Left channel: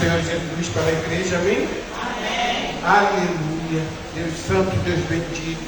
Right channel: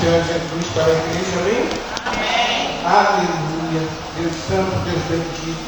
Senhor Jesus para a igreja, amém? Amém. Aleluia. Deus santo, Deus bendito.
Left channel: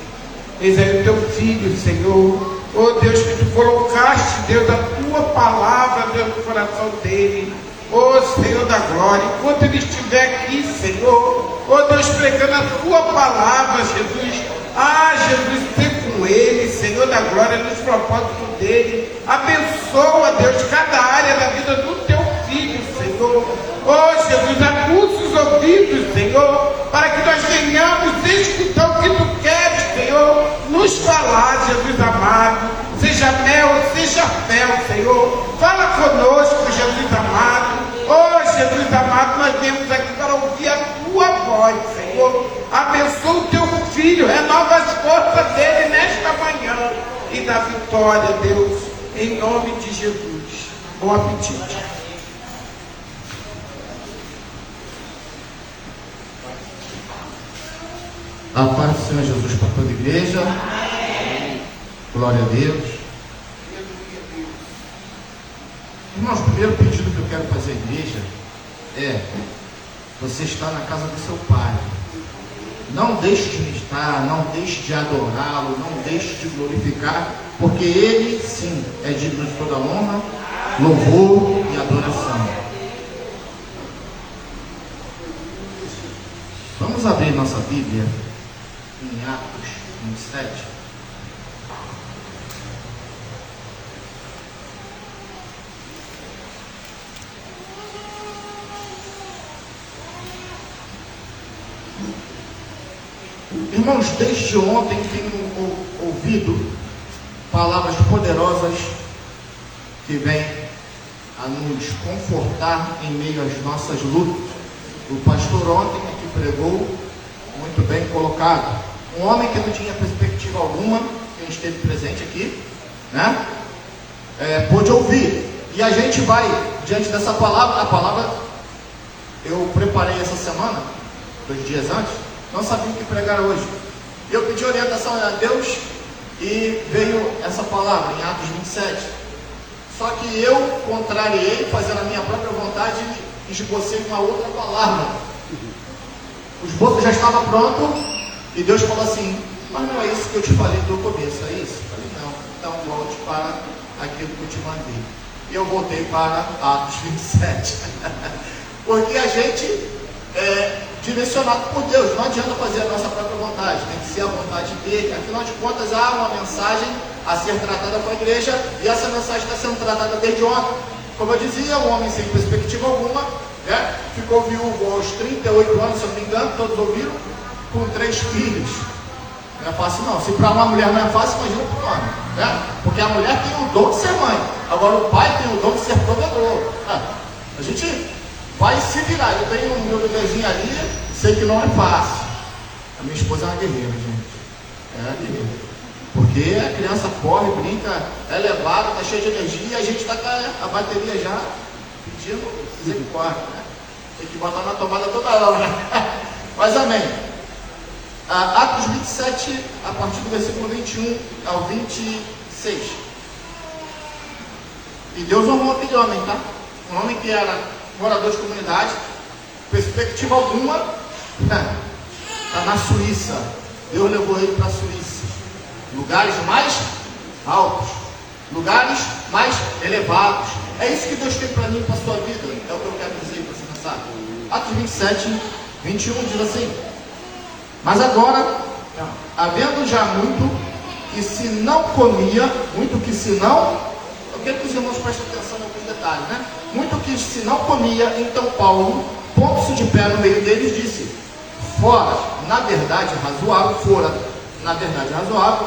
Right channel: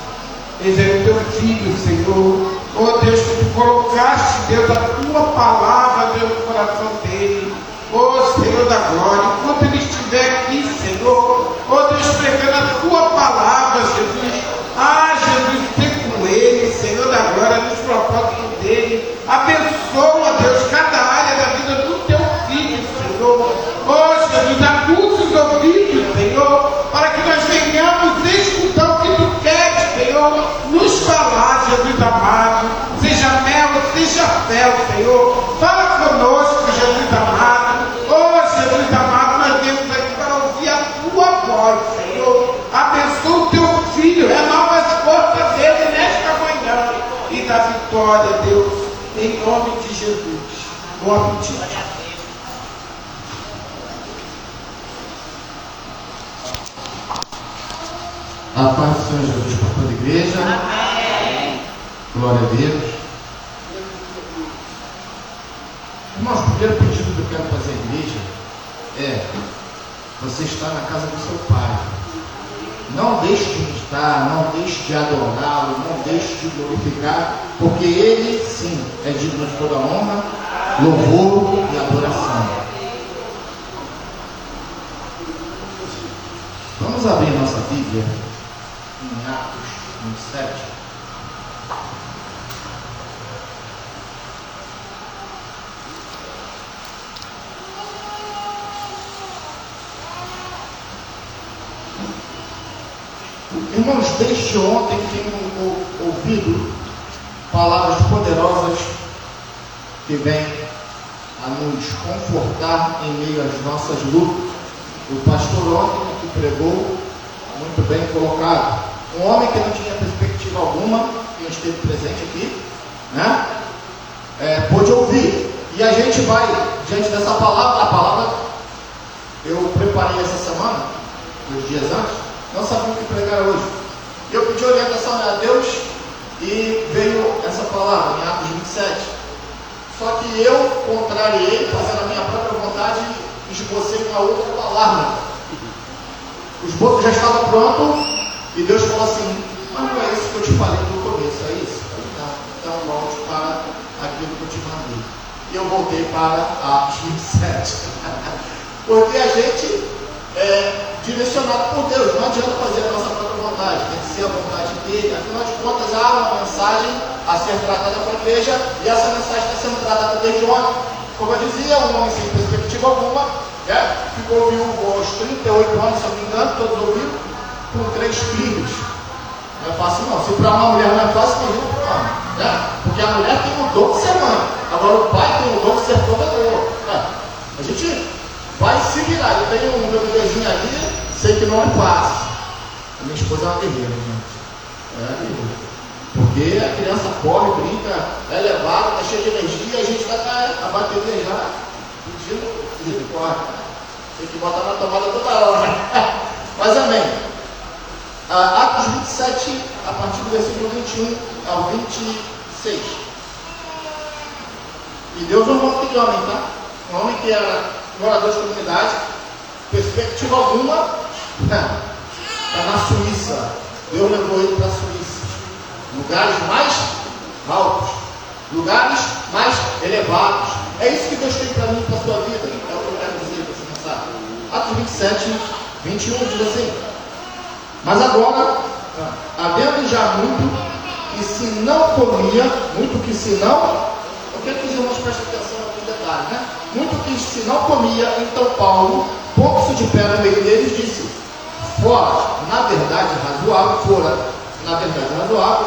Eis aí o teu filho, Senhor. Oh Deus, que tu colocaste, Deus, a tua palavra dentro do coração dele. Oh Senhor da glória, enquanto ele estiver aqui, Senhor, oh Deus, pregando a tua palavra, Jesus. Ah, Jesus, ser com ele, Senhor da glória, nos propósitos dele. Abençoa, Deus, cada área da vida do teu filho, Senhor. Oh Jesus, aguça os ouvidos, Senhor, para que nós venhamos escutar o que tu queres, Senhor, nos falar, Jesus amado. Seja mel, seja fel, Senhor. Fala conosco, Jesus amado. Oh Jesus amado, nós viemos aqui para ouvir a tua voz, Senhor. Abençoa o teu filho, renova as forças dele nesta manhã e dá vitória, Deus, em nome de Jesus. Bom apetite. A paz do Senhor Jesus para toda a igreja. Amém. Glória a Deus. Irmãos, o primeiro pedido que eu quero fazer à igreja é: você está na casa do seu Pai. Não deixe de meditar, não deixe de adorá-lo, não deixe de glorificar, porque Ele, sim, é digno de toda honra, louvor e adoração. Vamos abrir nossa Bíblia em Atos 27. Irmãos, desde ontem tenho ouvido palavras poderosas que vêm a nos confortar em meio às nossas lutas. O pastor ontem que pregou, muito bem colocado. Um homem que não tinha perspectiva alguma, quem esteve presente aqui, né? Pôde ouvir. E a gente vai, diante dessa palavra, a palavra eu preparei essa semana, 2 dias antes, não sabia o que pregar hoje. Eu pedi orientação a Deus e veio essa palavra em Atos 27. Só que eu contrariei, fazendo a minha própria vontade, e esbocei uma outra palavra. O esboço já estava pronto e Deus falou assim: mas não é isso que eu te falei no começo, é isso? Eu falei: não, então volte para aquilo que eu te mandei. E eu voltei para Atos 27. Porque a gente é direcionado por Deus, não adianta fazer a nossa própria vontade, tem que ser a vontade dele. Afinal de contas, há uma mensagem a ser tratada para a igreja e essa mensagem está sendo tratada desde ontem. Como eu dizia, um homem sem perspectiva alguma, né? Ficou viúvo aos 38 anos, se eu não me engano, todos ouviram, com 3 filhos. Não é fácil não. Se para uma mulher não é fácil, imagina para um homem, né? Porque a mulher tem o dom de ser mãe, agora o pai tem o dom de ser provedor, né? A gente vai se virar. Eu tenho um meu bebezinho ali, sei que não é fácil. A minha esposa é uma guerreira, gente. É uma guerreira. Porque a criança corre, brinca, é levada, está cheia de energia, e a gente está com a bateria já pedindo misericórdia. Tem que botar na tomada toda hora. Mas amém. Atos 27, a partir do versículo 21 ao 26. E Deus honrou aquele homem, tá? Um homem que era morador de comunidade, perspectiva alguma, está na Suíça. Deus levou ele para a Suíça. Lugares mais altos, lugares mais elevados. É isso que Deus tem para mim e para a sua vida. É o que eu quero dizer para você pensar. Atos 27, 21 diz assim: mas agora, havendo já muito que se não comia, muito que se não, eu quero que os irmãos prestem atenção em alguns detalhes, né? Muito que se não comia, então Paulo, pondo-se de pé no meio deles, disse: fora, na verdade razoável,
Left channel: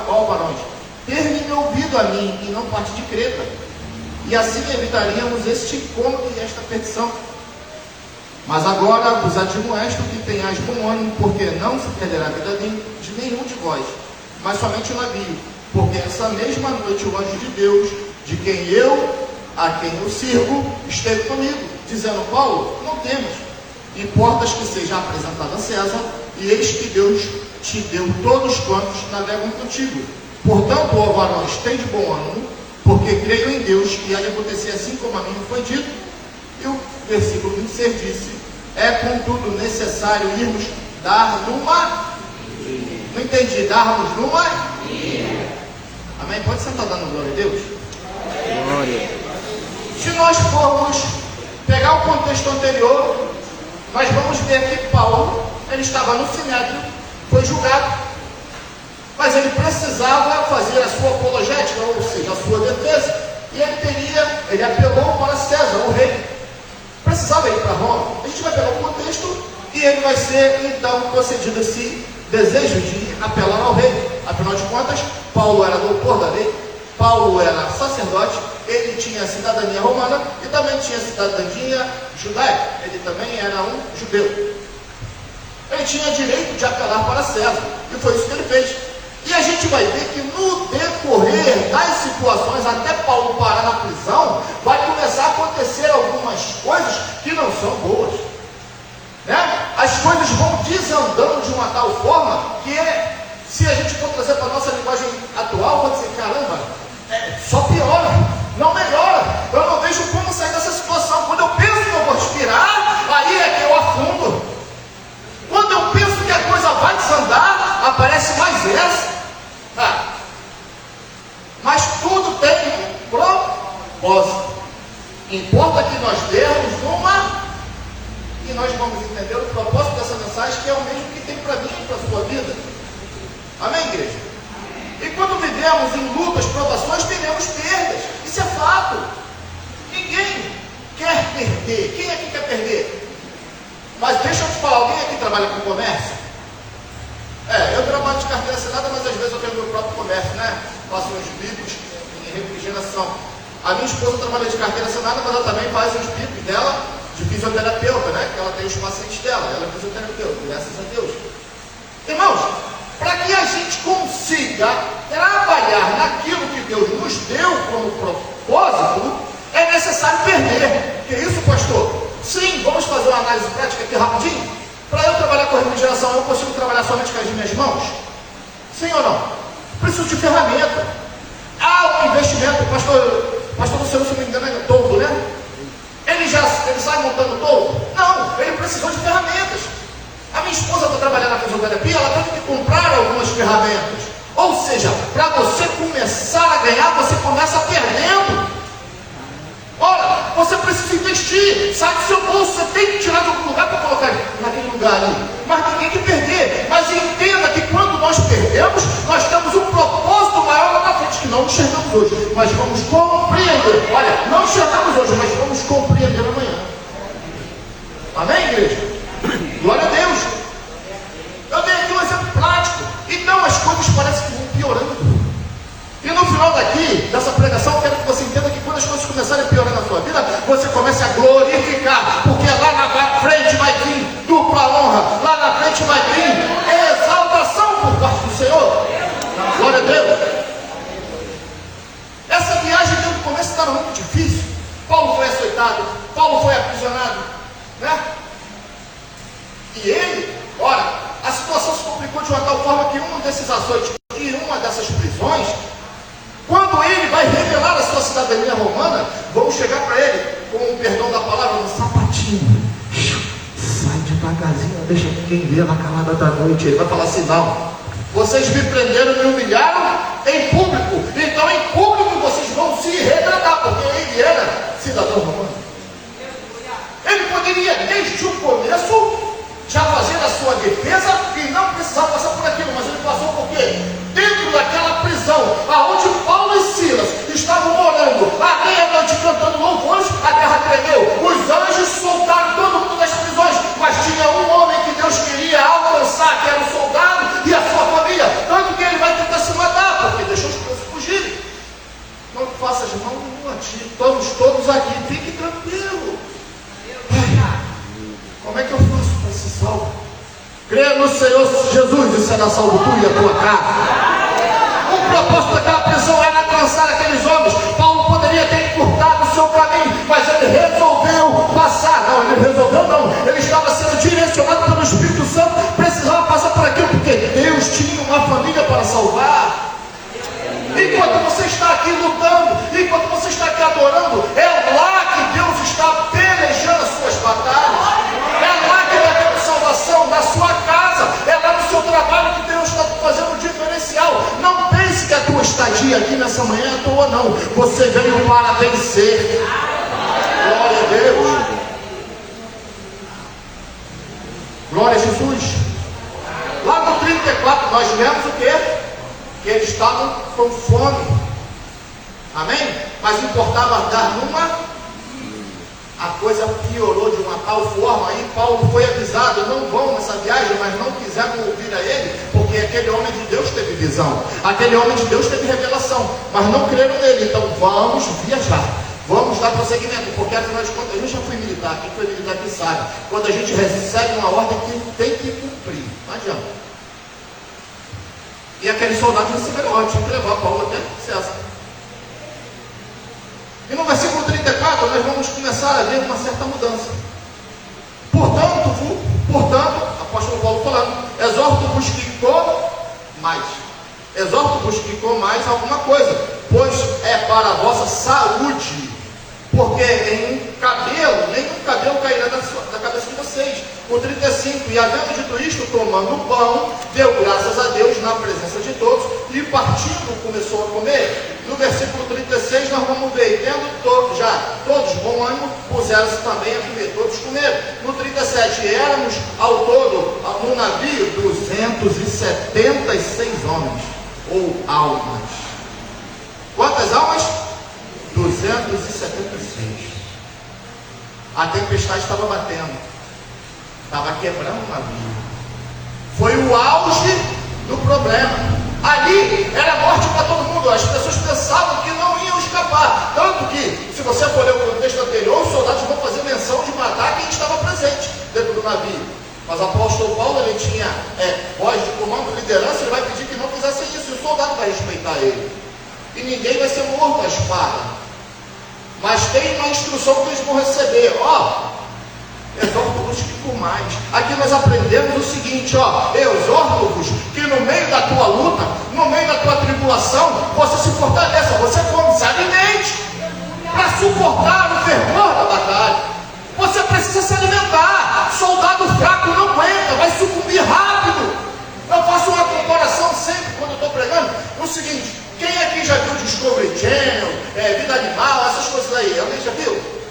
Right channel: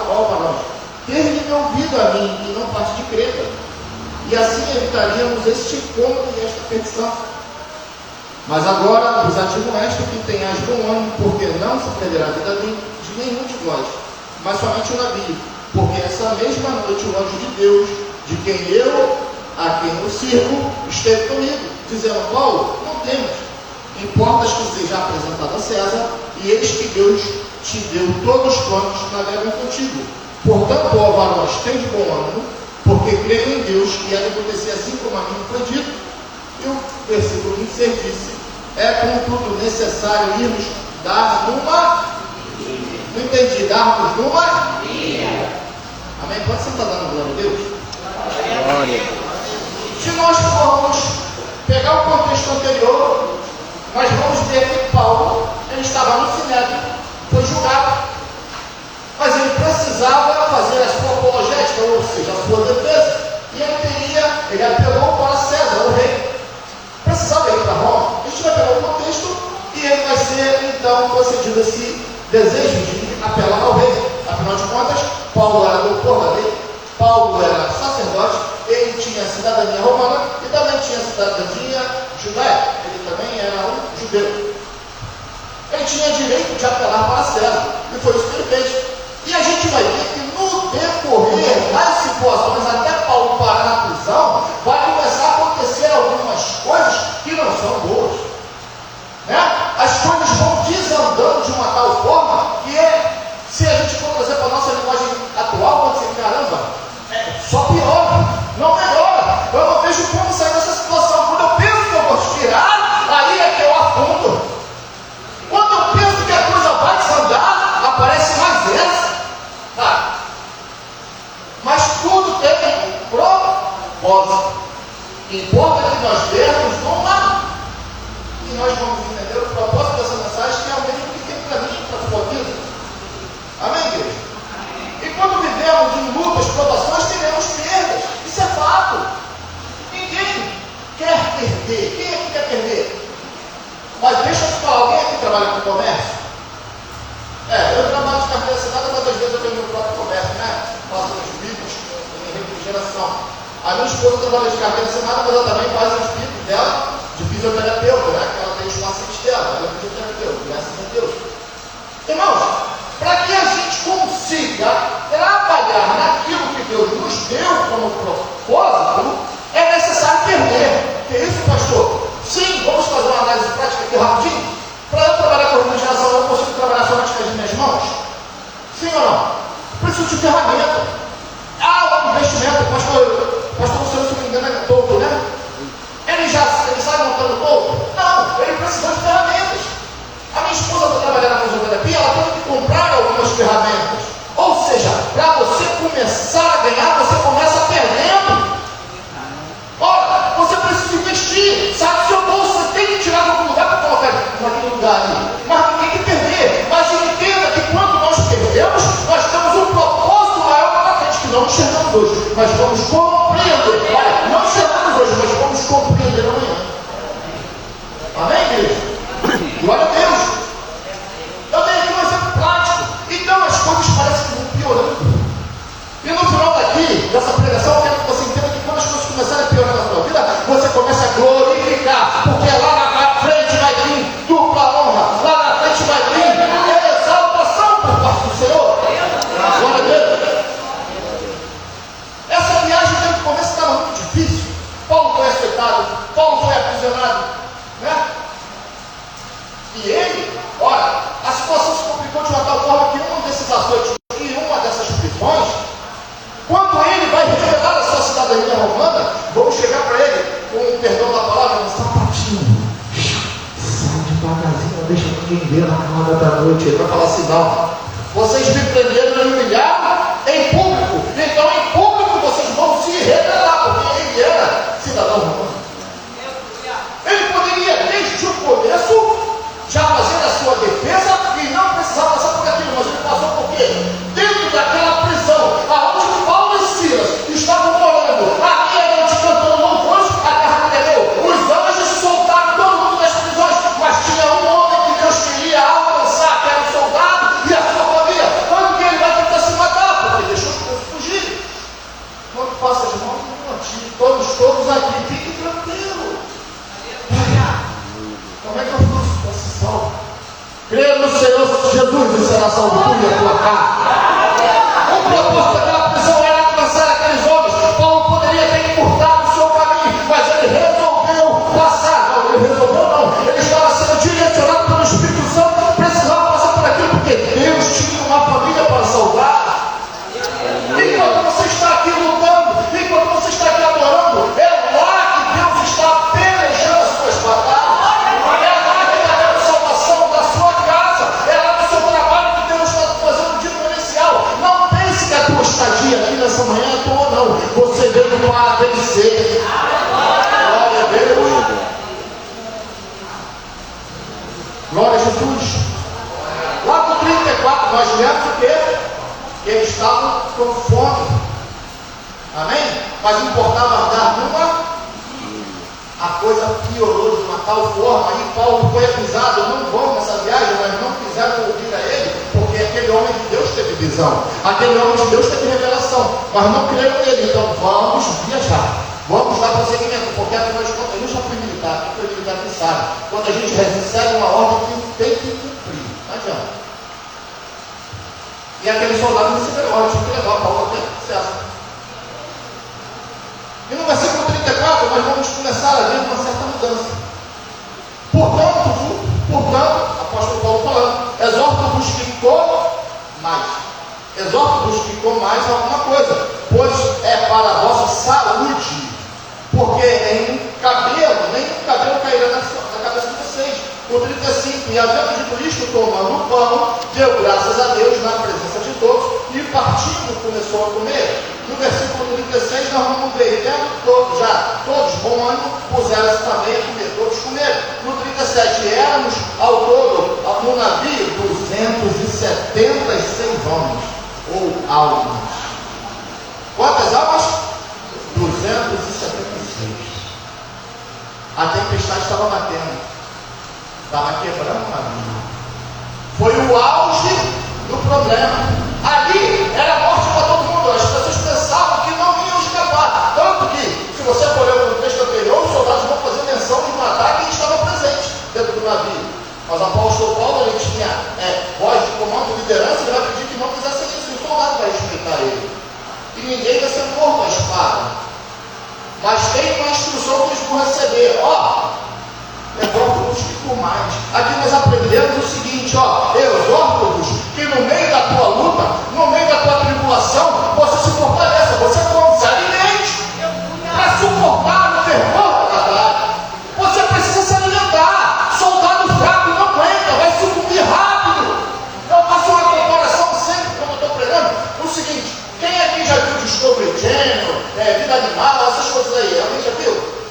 ó varões, ter-me ouvido a mim e não parte de Creta, e assim evitaríamos este encontro e esta petição. Mas agora vos admoesto que tenhais bom ânimo, porque não se perderá a vida de nenhum de vós, mas somente o navio, porque essa mesma noite o anjo de Deus, de quem eu, a quem eu sirvo, esteve comigo, dizendo: Paulo, não temas, importas que seja apresentado a César, e eis que Deus te deu todos quantos navegam contigo. Portanto, ó varões, tende bom ânimo, porque creio em Deus que há de acontecer assim como a mim foi dito. E o versículo 26 disse: é contudo necessário irmos dar numa. Não entendi, darmos numa. Amém? Pode sentar dando glória a Deus? Glória. Se nós formos pegar o contexto anterior, nós vamos ver que Paulo, ele estava no Sinédrio, foi julgado, mas ele precisava fazer a sua apologética, ou seja, a sua defesa, e ele apelou para César, o rei. Precisava ir para Roma. A gente vai pegar o contexto e ele vai ser então concedido esse desejo de apelar ao rei. Afinal de contas, Paulo era doutor da lei, Paulo era sacerdote, ele tinha cidadania romana e também tinha cidadania judaica. Ele também era um judeu. Ele tinha direito de apelar para César, e foi isso que ele fez. E a gente vai ver que no decorrer das situações, até Paulo parar na prisão, vai começar a acontecer algumas coisas que não são boas. Né? As coisas vão desandando de uma tal forma que se a gente for trazer para a nossa linguagem atual, pode ser, caramba, só piora, não melhora. Eu não vejo como sair dessa situação. Quando eu penso que eu vou respirar, aí é que eu afundo. Quando eu penso que a coisa vai desandar, aparece mais essa. Tá. Mas tudo tem propósito. Importa que nós vermos uma, e nós vamos entender o propósito dessa mensagem, que é o mesmo que tem para mim e para a sua vida. Amém, igreja? E quando vivemos em lutas, provações, teremos perdas. Isso é fato. Ninguém quer perder. Quem é que quer perder? Mas deixa eu te falar, alguém aqui trabalha com comércio? Eu trabalho de carteira assinada, mas às vezes eu tenho meu próprio comércio, né? Faço uns bicos em refrigeração. A minha esposa trabalha de carteira assinada, mas ela também faz os bicos dela de fisioterapeuta, né? Que ela tem os pacientes dela, ela é fisioterapeuta, graças a Deus. Irmãos, para que a gente consiga trabalhar naquilo que Deus nos deu como propósito, é necessário perder. Que isso, pastor? Sim, vamos fazer uma análise prática aqui rapidinho. Para eu trabalhar com refrigeração, eu consigo trabalhar somente com as minhas mãos? Sim ou não? Preciso de ferramenta. O investimento, pastor Luciano, se não me engano, é todo, né? Ele sai montando todo? Não, ele precisou de ferramentas. A minha esposa, para trabalhar na fisioterapia, ela teve que comprar algumas ferramentas. Ou seja, para você começar a ganhar, você começa perdendo. Ora, você precisa investir. Sai do seu bolso, você tem que tirar de algum lugar para colocar naquele lugar ali. Mas tem que perder. Mas entenda que quando nós perdemos, nós temos um propósito maior na frente, que não enxergamos hoje, mas vamos compreender. Olha, não enxergamos hoje, mas vamos compreender amanhã. Amém, igreja? Glória a Deus. Eu dei aqui um exemplo prático. Então as coisas parecem que vão piorando. E no final daqui, dessa pregação, eu quero que você entenda que quando as coisas começarem a piorar na sua vida, você começa a glorificar, porque lá na frente vai vir dupla honra, lá na frente vai vir exaltação por parte do Senhor. Glória a Deus. Essa viagem desde o começo estava muito difícil. Paulo foi açoitado, Paulo foi aprisionado, né? E ele, olha, a situação se complicou de uma tal forma que um desses açoites e uma dessas prisões, quando ele vai revelar a sua cidadania romana, vamos chegar para ele com o perdão da palavra, um sapatinho. Sai devagarzinho, não deixa ninguém ver na cama da noite. Ele vai falar assim: não, vocês me prenderam e me humilharam em público, então em público vocês vão se retratar, porque ele era cidadão romano. Ele poderia, desde o começo, já fazer a sua defesa e não precisava passar por aquilo, mas ele passou por quê? Dentro daquela prisão, aonde Paulo e Silas estavam morando, à meia-noite cantando louvores, a terra tremeu, os anjos soltaram todo mundo das prisões, mas tinha um homem que Deus queria alcançar, que era um soldado e a sua família. Quando que ele vai tentar se matar? Porque deixou os povos fugirem. Não faça de mal nenhum a ti, estamos todos aqui, fique tranquilo. Como é que eu faço posição? Creia no Senhor Jesus e será salvo tu e a tua casa. O propósito daquela prisão era alcançar aqueles homens. Paulo poderia ter encurtado o seu caminho, mas ele resolveu passar. Não, ele resolveu não. Ele estava sendo direcionado pelo Espírito Santo, precisava passar por aquilo, porque Deus tinha uma família para salvar. Enquanto você está aqui lutando, enquanto você está aqui adorando, é lá que Deus está pelejando as suas batalhas. É lá eles estavam com fome. Amém? Mas importava dar uma. A coisa piorou de uma tal forma, aí Paulo foi avisado: não vão nessa viagem, mas não quiseram ouvir a ele, porque aquele homem de Deus teve visão, aquele homem de Deus teve revelação, mas não creram nele. Então vamos viajar, vamos dar prosseguimento, porque afinal de contas eu já fui militar, quem foi militar que sabe, quando a gente recebe uma ordem que tem que cumprir, não adianta. E aquele soldado recebeu a ordem, tinha que levar Paulo até César. E no versículo 34 nós vamos começar a ver uma certa mudança. Portanto, apóstolo Paulo falando, exorto-vos que comais. Exorto-vos que comais alguma coisa, pois é para a vossa saúde, porque nenhum cabelo cairá na cabeça de vocês. O 35, e havendo dito isto, tomando o pão, deu graças a Deus na presença de todos, e partindo começou a comer. No versículo 36 nós vamos ver, tendo todos bom ânimo, puseram-se também a comer, todos comeram. No 37, éramos ao todo, no navio, 276 homens, ou almas. Quantas almas? 276. A tempestade estava batendo, estava quebrando o navio. Foi o auge do problema. Ali era morte para todo mundo. As pessoas pensavam que não iam escapar. Tanto que, se você for ler o contexto anterior, os soldados vão fazer menção de matar quem estava presente dentro do navio. Mas o apóstolo Paulo, ele tinha voz de comando, liderança, ele vai pedir que não fizessem isso. E o soldado vai respeitar ele. E ninguém vai ser morto à espada. Mas tem uma instrução que eles vão receber. Exorto-vos que comais. Aqui nós aprendemos o seguinte, exorto-vos que no meio da tua luta, no meio da tua tribulação, você se fortaleça, você come, se alimente para suportar o fervor da batalha. Você precisa se alimentar. Soldado fraco não aguenta, vai sucumbir rápido. Eu faço uma comparação sempre quando eu estou pregando. O seguinte, quem aqui já viu Discovery Channel, Vida Animal, essas coisas aí? Alguém já viu?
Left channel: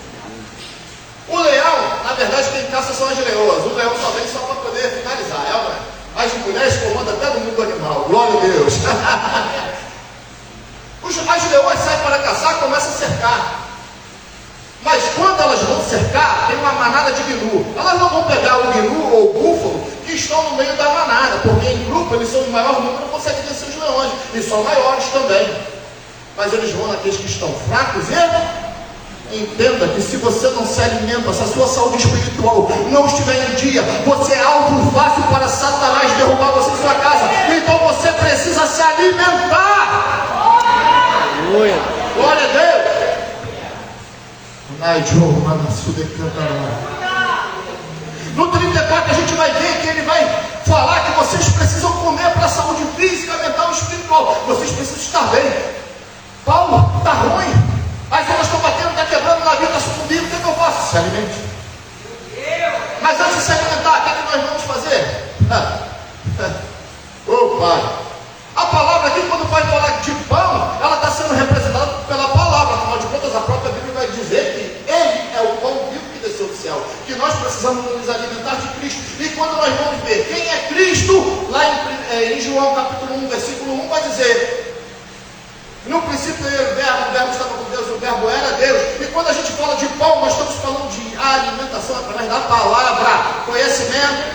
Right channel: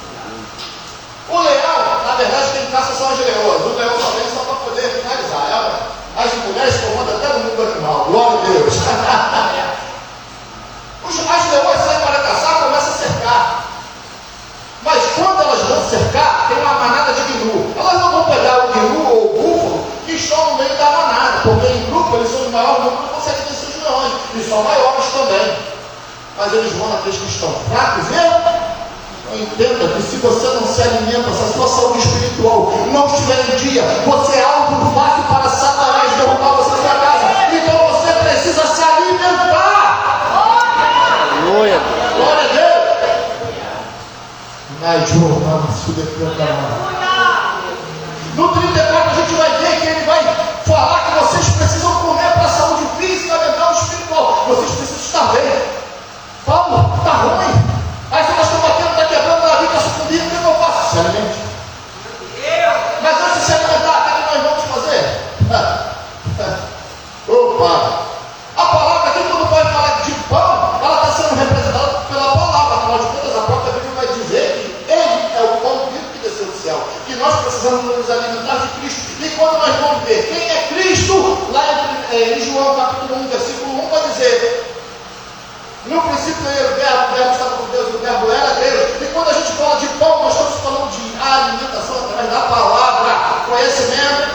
O leão, na verdade, quem caça são as leoas. O leão só vem só para poder finalizar. As mulheres comandam até no mundo animal. Glória a Deus. As leoas saem para caçar, começam a cercar. Mas quando elas vão cercar, tem uma manada de gnu. Elas não vão pegar o gnu ou o búfalo que estão no meio da manada, porque em grupo eles são de maior número, não conseguem vencer os leões. E são maiores também. Mas eles vão naqueles que estão fracos e... Entenda que se você não se alimenta, se a sua saúde espiritual não estiver em dia, você é alvo fácil para Satanás derrubar você em sua casa. Então você precisa se alimentar. Glória a Deus. No 34 a gente vai ver que ele vai falar que vocês precisam comer para a saúde física, mental e espiritual. Vocês precisam estar bem. Paulo, está ruim. As ondas estão batendo, está quebrando, a vida está sucumbindo, o que eu faço? Se alimente. Mas antes de se alimentar, o que nós vamos fazer? Opa! A palavra aqui, quando vai falar de pão, ela está sendo representada pela palavra. Afinal de contas, a própria Bíblia vai dizer que Ele é o pão vivo que desceu do céu. Que nós precisamos nos alimentar de Cristo. E quando nós vamos ver quem é Cristo, lá em João capítulo 1, versículo 1, vai dizer... No princípio era o verbo estava com Deus, e o verbo era Deus. E quando a gente fala de pão, nós estamos falando de alimentação através da palavra, conhecimento.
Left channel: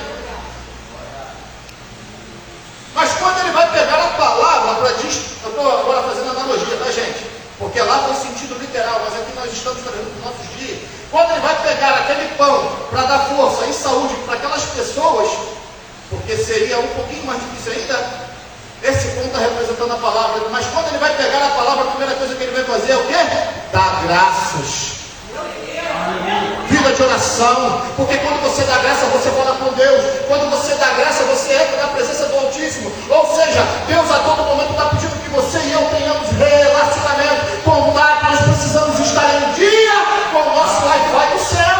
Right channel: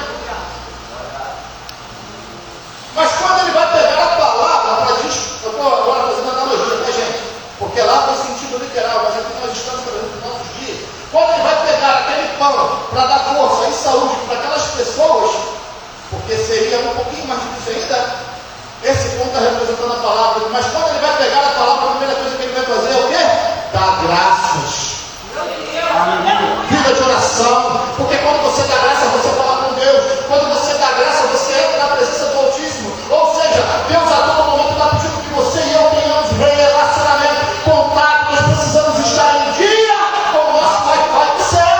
Mas quando ele vai pegar a palavra para dizer, eu estou agora fazendo analogia, tá, gente? Porque lá foi sentido literal, mas aqui nós estamos trazendo para os nossos dias. Quando ele vai pegar aquele pão para dar força e saúde para aquelas pessoas, porque seria um pouquinho mais difícil ainda. Esse ponto está representando a palavra, mas quando ele vai pegar a palavra, a primeira coisa que ele vai fazer é o quê? Dar graças. Vida de oração, porque quando você dá graça, você fala com Deus. Quando você dá graça, você entra na presença do Altíssimo. Ou seja, Deus a todo momento está pedindo que você e eu tenhamos relacionamento, contato. Nós precisamos estar em dia com o nosso Wi-Fi do céu.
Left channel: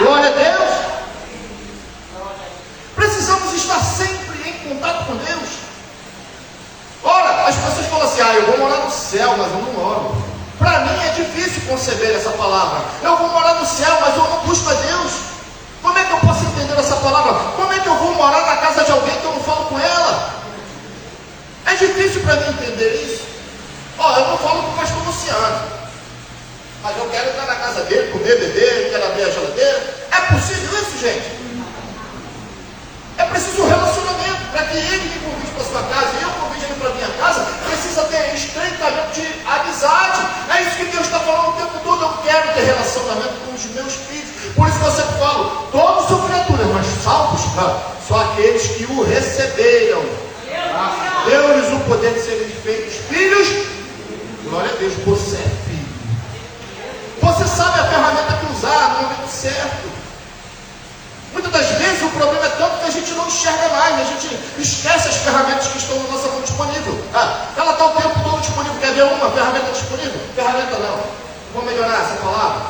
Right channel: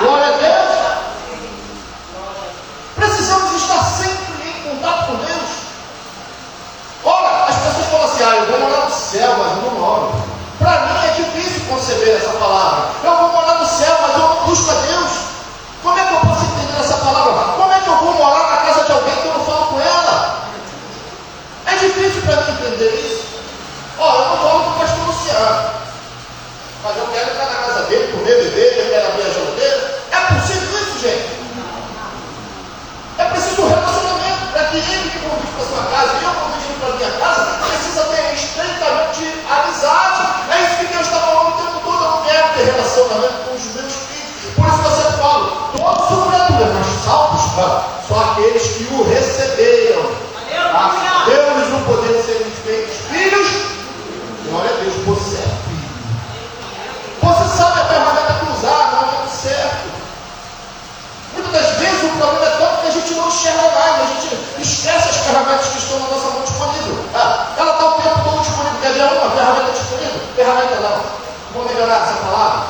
Glória a Deus. Precisamos estar sempre em contato com Deus. Ora, as pessoas falam assim, eu vou morar no céu, mas eu não oro. Para mim é difícil. comer, beber, eu quero abrir a geladeira. É possível isso, gente? É preciso um relacionamento para que ele me convide para sua casa e eu convide ele para minha casa. Precisa ter estreitamento de amizade. É isso que Deus está falando o tempo todo. Eu quero ter relacionamento com os meus filhos. Por isso você fala, todos sofreram, mas salvos só aqueles que o receberam. Deu-lhes o poder de serem feitos filhos. Glória a Deus, você é filho. Você sabe a ferramenta que usar no momento certo. Muitas das vezes o problema é tanto que a gente não enxerga mais, a gente esquece as ferramentas que estão na nossa mão disponível. Ela está o tempo todo disponível. Quer ver uma ferramenta disponível? Ferramenta não. Vamos melhorar essa palavra?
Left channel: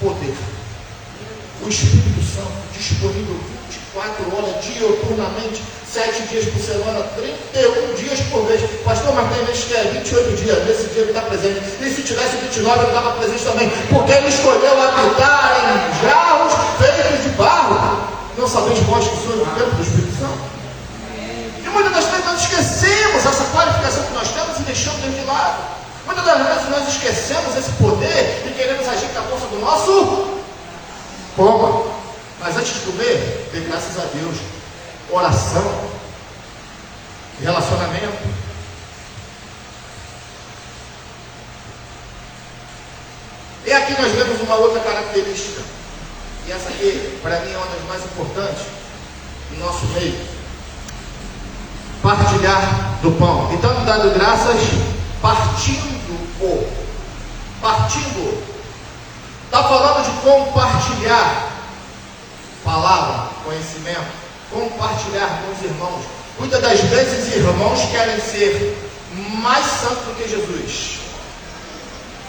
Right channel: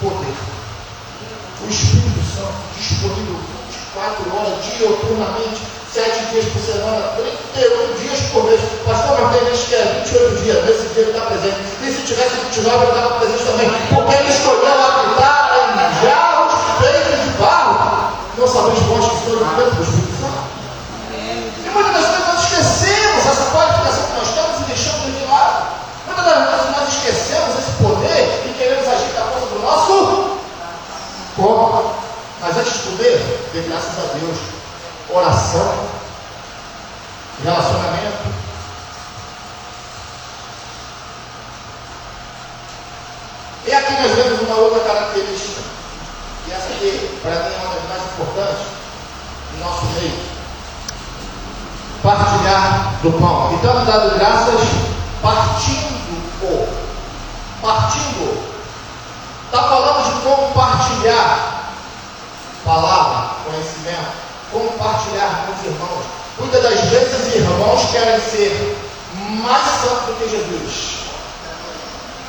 Poder. O Espírito Santo disponível 24 horas, dioturnamente, 7 dias por semana, 31 dias por mês. Pastor, mas tem vezes que é 28 dias, nesse dia ele está presente. E se tivesse 29, ele estava presente também. Porque ele escolheu habitar em jarros feitos de barro. Não sabeis vós que sois o templo do Espírito Santo? E muitas das vezes nós esquecemos essa qualificação que nós temos e deixamos de lado. Muitas das vezes nós esquecemos esse poder e queremos agir com a força do nosso corpo. Mas antes de comer, dê graças a Deus. Oração, relacionamento. E aqui nós vemos uma outra característica, e essa aqui, para mim, é uma das mais importantes em nosso meio: partilhar do pão. Então, dando graças, partindo. Está falando de compartilhar palavra, conhecimento. Compartilhar com os irmãos. Muitas das vezes irmãos querem ser mais santos do que Jesus.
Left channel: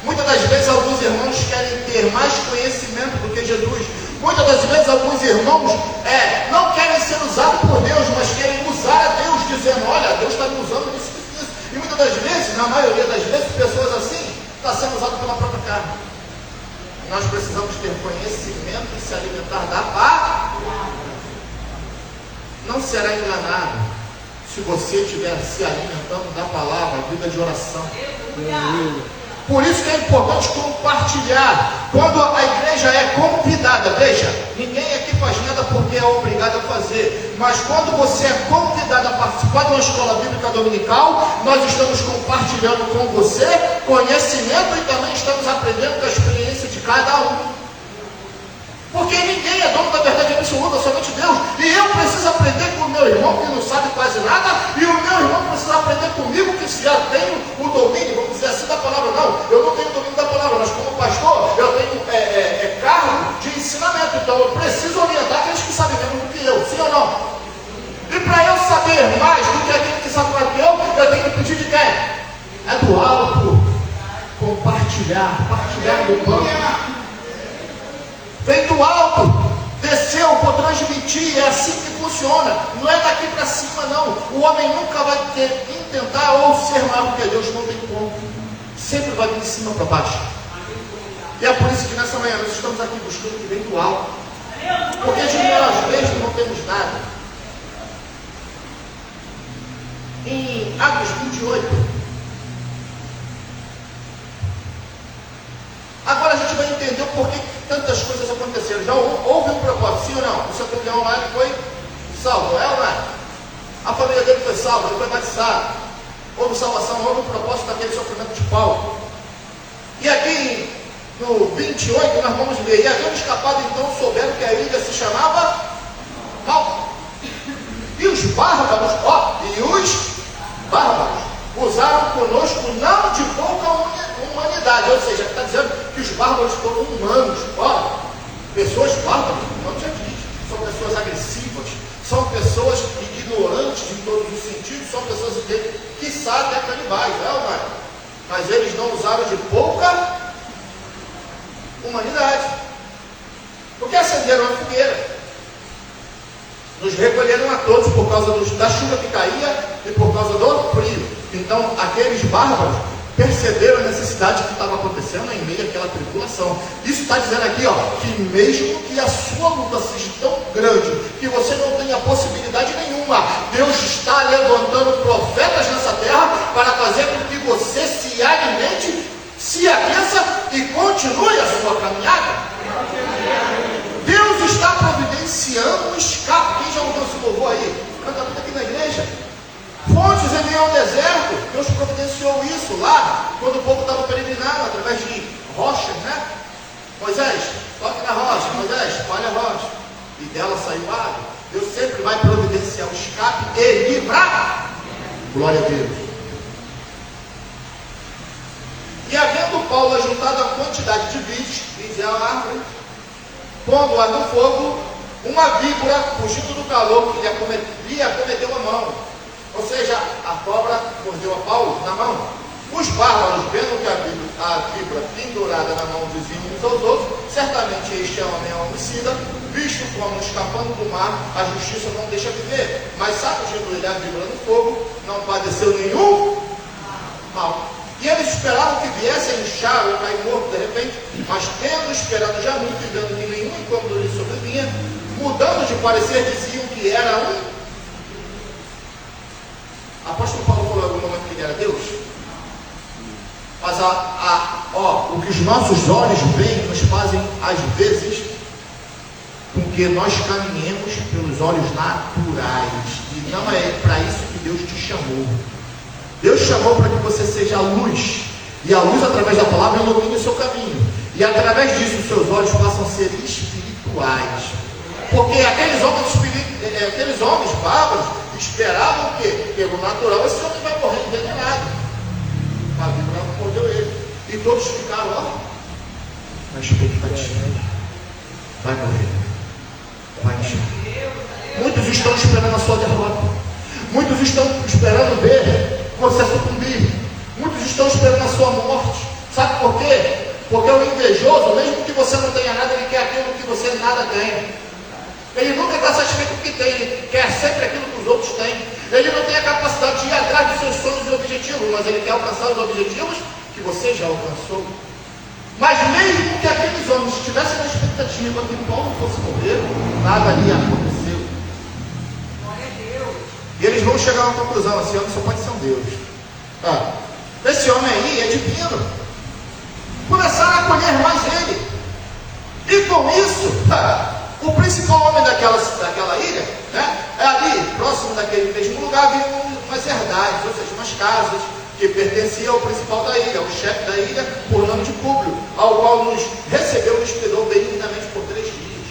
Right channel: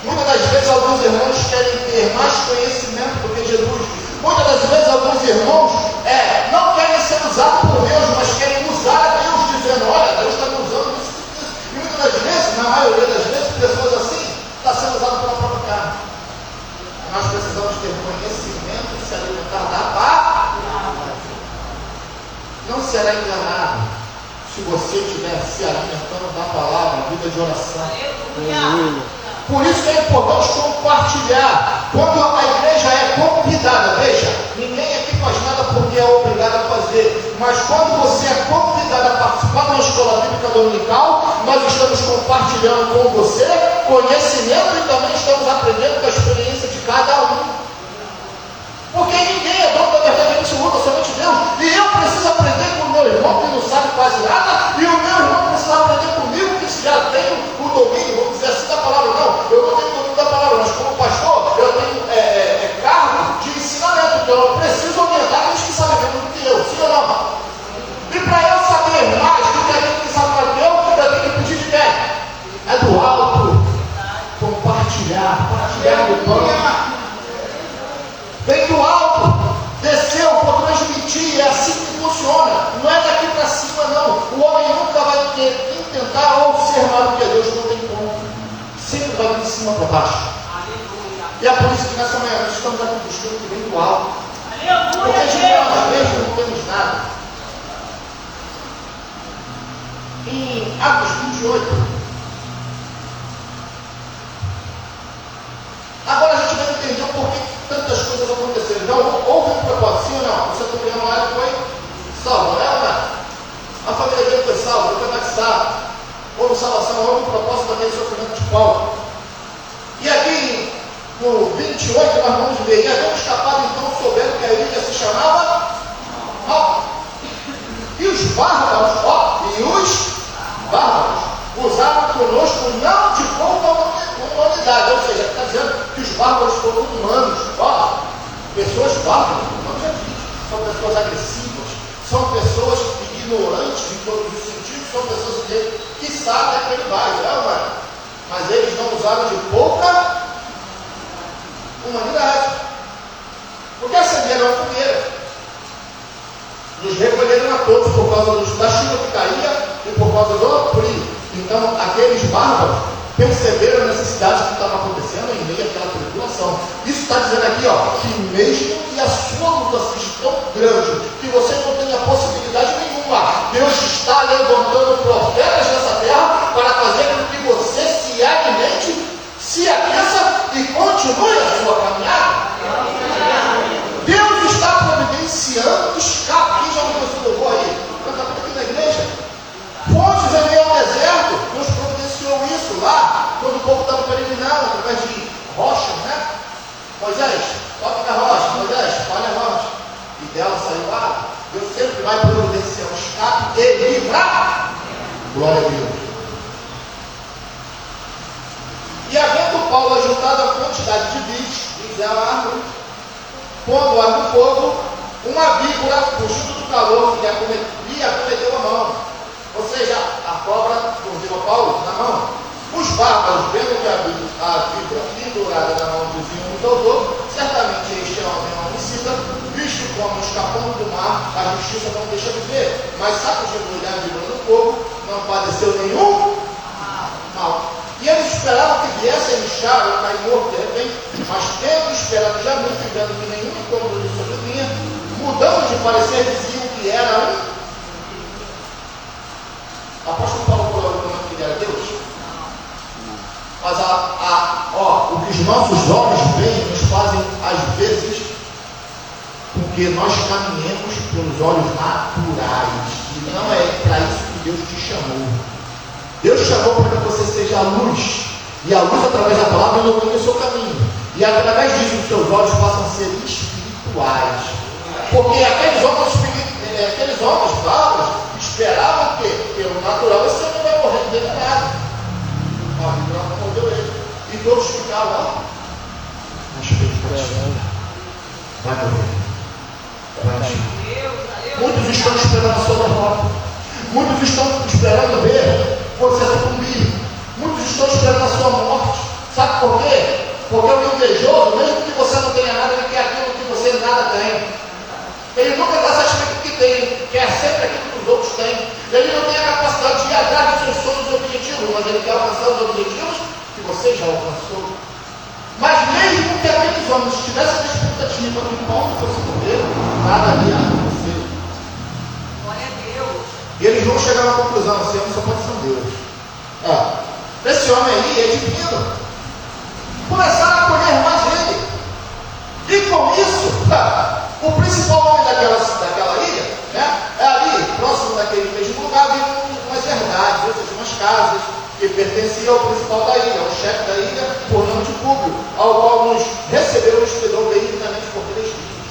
Muitas das vezes alguns irmãos querem ter mais conhecimento do que Jesus. Muitas das vezes alguns irmãos não querem ser usados por Deus, mas querem usar a Deus, dizendo, olha, Deus está me usando isso. E muitas das vezes, na maioria das vezes, pessoas assim estão sendo usadas pela própria carne. Nós precisamos ter conhecimento e se alimentar da palavra. Não será enganado se você estiver se alimentando da palavra, vida de oração. Por isso que é importante compartilhar. Quando a igreja é convidada, veja, ninguém aqui faz nada porque é obrigado a fazer. Mas quando você é convidado a participar de uma escola bíblica dominical, nós estamos compartilhando com você conhecimento e também estamos aprendendo com a experiência de cada um. Porque ninguém é dono da verdade absoluta, somente Deus. E eu preciso aprender com o meu irmão que não sabe quase nada, e o meu irmão precisa aprender comigo que já tem o domínio, vamos dizer assim, da palavra. Não, eu não tenho domínio da palavra, mas como pastor, eu tenho cargo de ensinamento. Então eu preciso orientar aqueles que sabem menos do que eu, sim ou não? E para eu saber mais do que aquele que sabe mais do que eu tenho que pedir de quem? É do alto. Compartilhar do pão. Vem do alto, desceu para transmitir, é assim que funciona. Não é daqui para cima, não. O homem nunca vai tentar ou ser maior do que Deus, não tem como. Sempre vai de cima para baixo. E é por isso que nessa manhã nós estamos aqui buscando que vem do alto. Porque de nós mesmos não temos nada. Em Atos 28, agora a gente vai entender por que tantas coisas aconteceram. Então, houve um propósito, sim ou não? O centurião lá foi salvo, não é? A família dele foi salva, ele foi batizado. Houve salvação, houve um propósito daquele sofrimento de Paulo. E aqui, no 28, nós vamos ver, e havendo escapado, então souberam que a ilha se chamava Malta. E os bárbaros usaram conosco não de pouca humanidade, ou seja, está dizendo que os bárbaros foram humanos, pessoas bárbaras, não já diz, são pessoas agressivas, são pessoas ignorantes em todos os sentidos, são pessoas que sabem canibais, mas eles não usaram de pouca humanidade, porque acenderam a fogueira, nos recolheram a todos por causa da chuva que caía e por causa do frio. Então, aqueles bárbaros perceberam a necessidade que estava acontecendo em meio àquela tribulação. Isso está dizendo aqui, que mesmo que a sua luta seja tão grande, que você não tenha possibilidade nenhuma, Deus está levantando profetas nessa terra para fazer com que você se alimente, se aqueça e continue continue a sua caminhada. Deus está providenciando um escape. Quem já ouviu esse louvor aí? Canta muito aqui na igreja. Fontes em meio ao deserto. Deus providenciou isso lá, quando o povo estava peregrinando, através de rochas, né? Moisés, toque na rocha. Moisés, olha a rocha. E dela saiu água. Deus sempre vai providenciar um escape e livrar. Glória a Deus. E havendo Paulo ajuntado a quantidade de vídeos, é a árvore, pondo lá no fogo, uma víbora, fugindo do calor, lhe acometeu a mão. Ou seja, a cobra mordeu a Paulo na mão. Os bárbaros, vendo que a víbora pendurada na mão dos uns aos outros, certamente este é um homem homicida, visto como escapando do mar, a justiça não deixa de ver. Mas sabe que a víbora no fogo não padeceu nenhum mal. E eles esperavam que viesse a inchar ou cair morto de repente, mas tendo esperado já muito, vendo que nenhum incômodo lhe sobrevinha, mudando de parecer, diziam que era um. Apóstolo Paulo falou algum momento que ele era Deus? Mas o que os nossos olhos veem nos fazem, às vezes, com que nós caminhemos pelos olhos naturais. E não é para isso que Deus te chamou. Deus chamou para que você seja a luz. E a luz, através da palavra, ilumina o seu caminho. E através disso, os seus olhos passam a ser espirituais. Porque aqueles homens bárbaros esperavam que, pelo natural, esse homem vai morrer envenenado. A Bíblia não mordeu ele. E todos ficaram na expectativa. Vai morrer. Vai morrer. Muitos estão esperando a sua derrota. Muitos estão esperando ver você sucumbir. Muitos estão esperando a sua morte. Sabe por quê? Porque o invejoso, mesmo que você não tenha nada, ele quer aquilo que você nada tem. Ele nunca está satisfeito com o que tem, ele quer sempre aquilo que os outros têm. Ele não tem a capacidade de ir atrás dos seus sonhos e objetivos, mas ele quer alcançar os objetivos que você já alcançou. Mas mesmo que aqueles homens estivessem na expectativa que Paulo fosse morrer, nada ia acontecer. E eles vão chegar a uma conclusão: esse homem só pode ser um Deus. Esse homem aí é divino. Começaram a acolher mais ele. E com isso, o principal homem daquela ilha, né, é ali, próximo daquele mesmo lugar, havia umas herdades, ou seja, umas casas que pertenciam ao principal da ilha, ao chefe da ilha, por nome de Públio, ao qual nos recebeu e hospedou benignamente por 3 dias.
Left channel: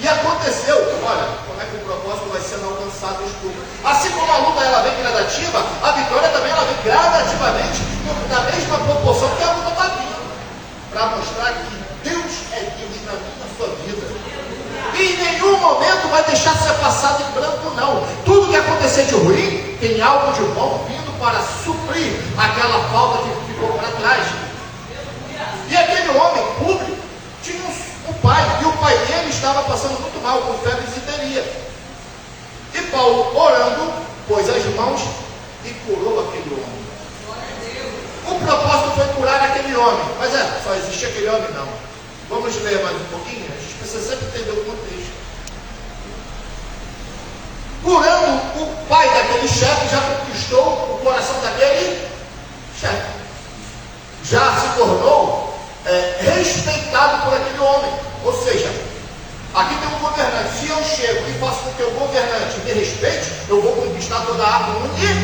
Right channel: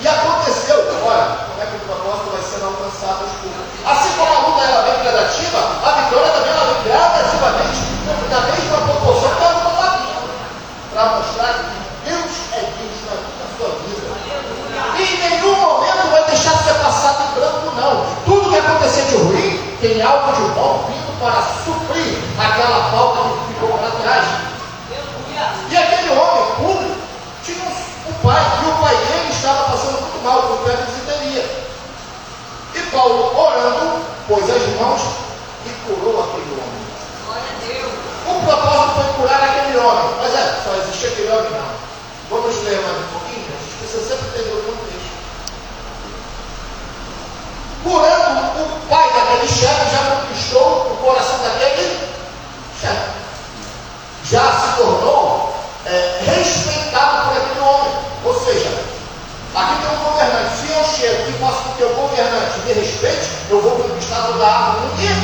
E aconteceu, olha, como é que o propósito vai sendo alcançado aos Públios. Assim como a luta ela vem gradativa, a vitória também ela vem gradativamente, da mesma proporção que a luta está vindo, para mostrar que Deus é Deus na sua vida. E em nenhum momento vai deixar ser passado em branco, não. Tudo que acontecer de ruim, tem algo de bom vindo para suprir aquela falta que ficou para trás. E aquele homem Públio tinha um pai, e o pai dele estava passando muito mal, com febre e disenteria. E Paulo, orando, pôs as mãos e curou aquele homem. O propósito foi curar aquele homem, mas só existe aquele homem, não. Vamos ler mais um pouquinho? A gente precisa sempre entender o contexto. Curando, o pai daquele chefe já conquistou o coração daquele chefe. Já se tornou respeitado por aquele homem. Ou seja, aqui tem um governante. Se eu chego e faço com que o governante me respeite, eu vou conquistar toda a árvore no dia.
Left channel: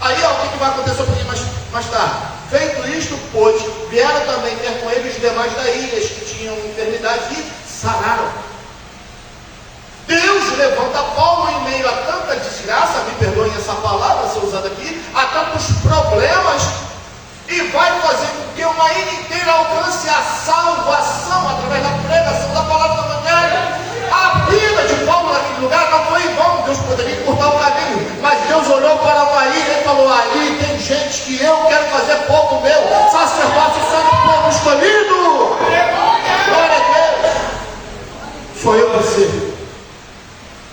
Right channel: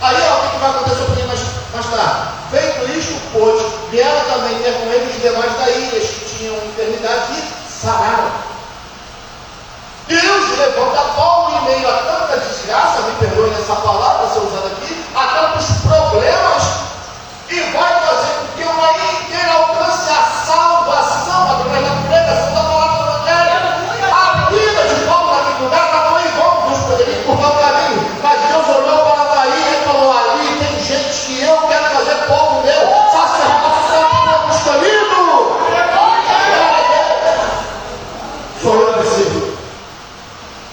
Aí, o que vai acontecer um pouquinho mais tarde? Feito isto, pois, vieram também ter com ele os demais da ilha que tinham enfermidade e sararam. Deus levanta Paulo em meio a tanta desgraça, me perdoem essa palavra, ser usada aqui, a tantos problemas, e vai fazer com que uma ilha inteira alcance a salvação através da pregação da palavra do Evangelho. A vida de Paulo naquele lugar não foi em vão. Deus poderia encurtar o caminho, mas Deus olhou para uma ilha e falou: ali tem gente que eu quero fazer povo meu, sacerdócio santo, povo escolhido. Glória a Deus. Sou eu você.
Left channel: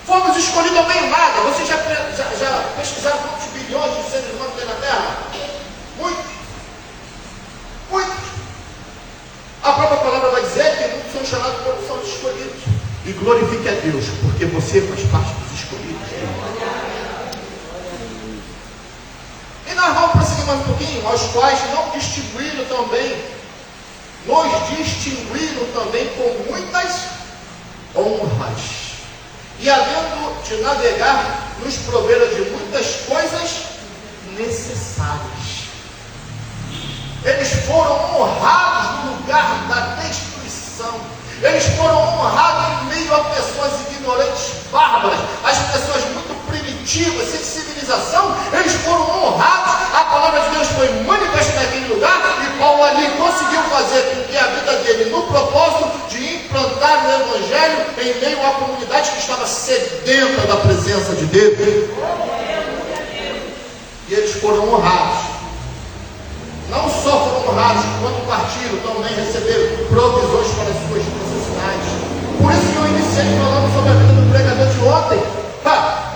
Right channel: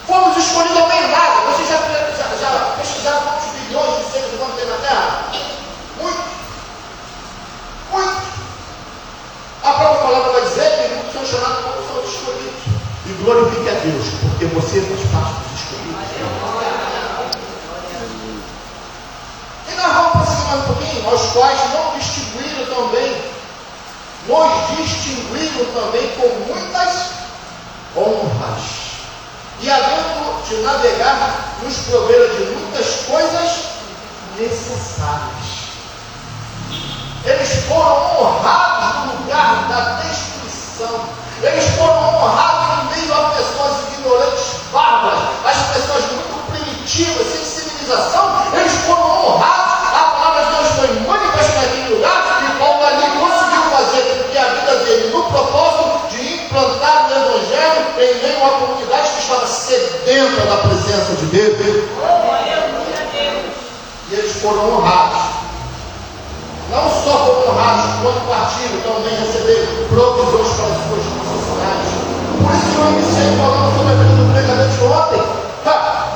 Fomos escolhidos não tem nada. Vocês já pesquisaram quantos bilhões de seres humanos tem na Terra? Muito. A própria palavra vai dizer que muitos são chamados como são os escolhidos. E glorifique a Deus, porque você faz parte dos escolhidos. E nós vamos prosseguir mais um pouquinho, aos quais não distribuíram também nos distinguindo também com muitas honras, e havendo de navegar, nos proveram de muitas coisas necessárias. Eles foram honrados no lugar da destruição. Eles foram honrados em meio a pessoas ignorantes, bárbaras, as pessoas muito primitivas, sem civilização. Eles foram honrados. A palavra de Deus foi manifesta naquele lugar, e Paulo ali conseguiu fazer com que a vida dele, no propósito de implantar o Evangelho em meio a uma comunidade que estava sedenta da presença de Deus. E eles foram honrados. Não só foram honrados, quando partiram, também receberam provisões para as suas necessidades. Por isso que eu iniciei falando sobre a vida do pregador de ontem.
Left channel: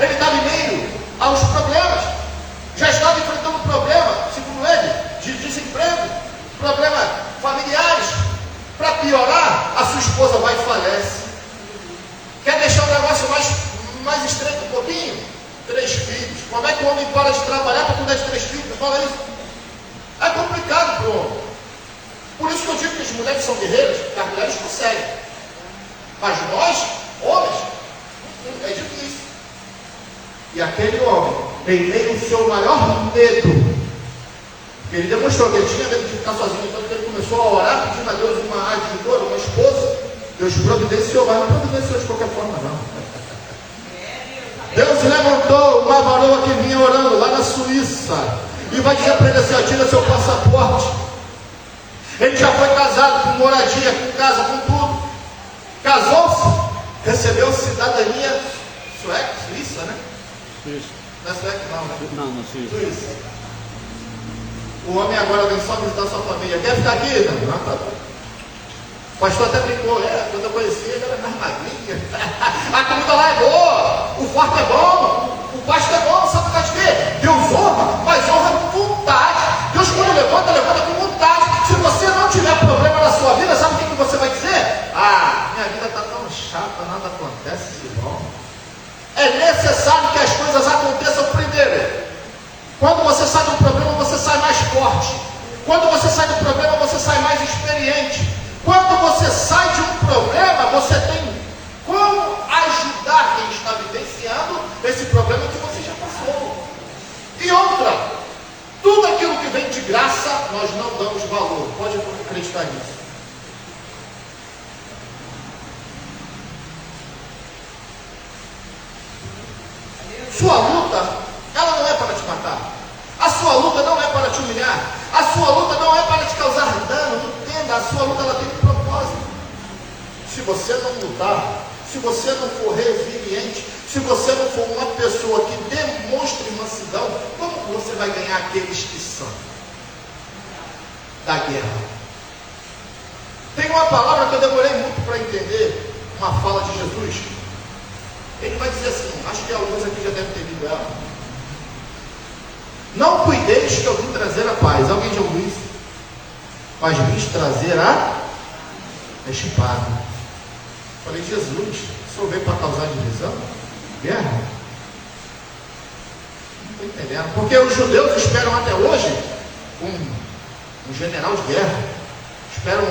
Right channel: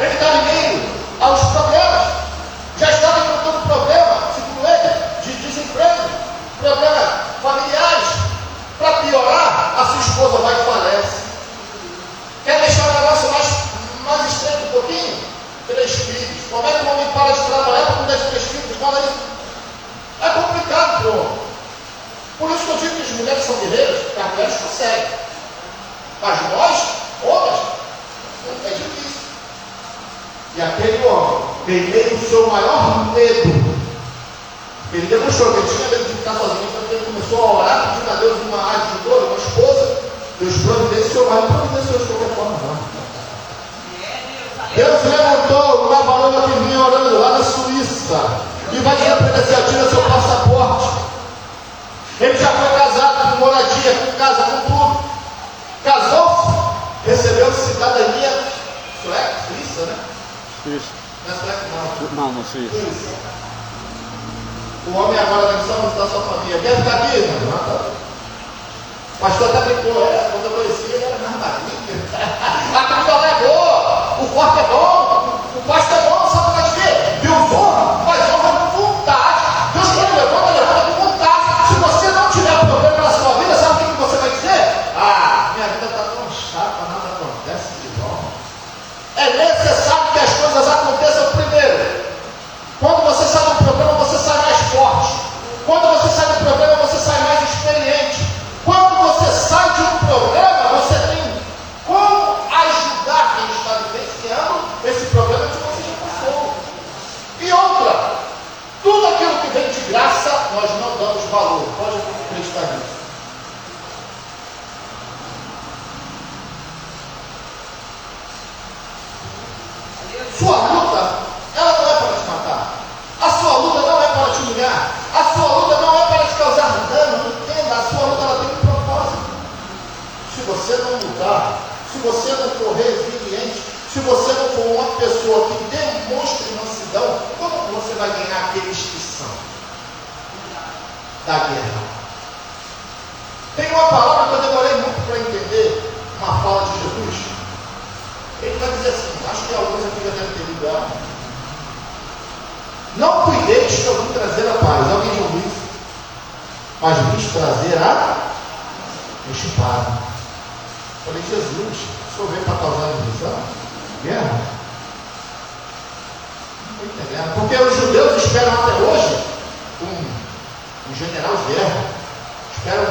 Ele está em meio aos problemas. Já estava enfrentando problema, segundo ele, de desemprego, problemas familiares. Para piorar, a sua esposa vai e falece. Quer deixar o negócio mais estreito um pouquinho? 3 filhos. Como é que o homem para de trabalhar para cuidar de 3 filhos? Fala isso. É complicado para o homem. Por isso que eu digo que as mulheres são guerreiras, porque as mulheres conseguem. Mas nós, homens, é difícil. E aquele homem, em meio ao seu maior medo, ele demonstrou que ele tinha medo de ficar sozinho, quando ele começou a orar, pedindo a Deus uma ajuda, uma esposa, Deus providenciou, mas não providenciou de qualquer forma, não. Deus levantou uma varoa que vinha orando lá na Suíça, e vai dizer para ele assim: tira seu passaporte. Ele já foi casado, com moradia, com casa, com tudo. Casou-se, recebeu cidadania suíça, né? Suíça. Não é sueca, não. Não, Suíça. O homem agora vem só visitar sua família. Quer ficar aqui? Não, tá bom. O pastor até brincou, quando eu conheci ele era mais magrinho. A comida lá é boa, o forte é bom, o pasto é bom, sabe por quê? Deus honra, mas honra com vontade. Deus quando levanta com vontade. Se você não tiver problema na sua vida, sabe o que você vai dizer? Minha vida está tão chata, nada acontece igual. É necessário que as coisas aconteçam primeiro. Quando você sai do problema, você sai mais forte. Quando você sai do problema, você sai mais experiente. Quando você sai de um problema, você tem como ajudar quem está vivenciando esse problema que você já passou. E outra, tudo aquilo que vem de graça, nós não damos valor. Pode acreditar nisso. Sua luta, ela não é para te matar. A sua luta não é para te humilhar. A sua luta não é para te causar dano. Entenda, a sua luta ela tem um propósito. Se você não lutar, se você não for resiliente, se você não for uma pessoa que demonstre mansidão, como você vai ganhar aqueles que são da guerra? Tem uma palavra que eu demorei muito para entender, uma fala de Jesus. Ele vai dizer assim, acho que alguns aqui já devem ter lido ela. Não cuideis que eu vim trazer a paz. Alguém diz isso? Mas vim trazer a espada. Falei, Jesus, o senhor veio para causar divisão? Guerra? Não estou entendendo. Porque os judeus esperam até hoje um general de guerra. Esperam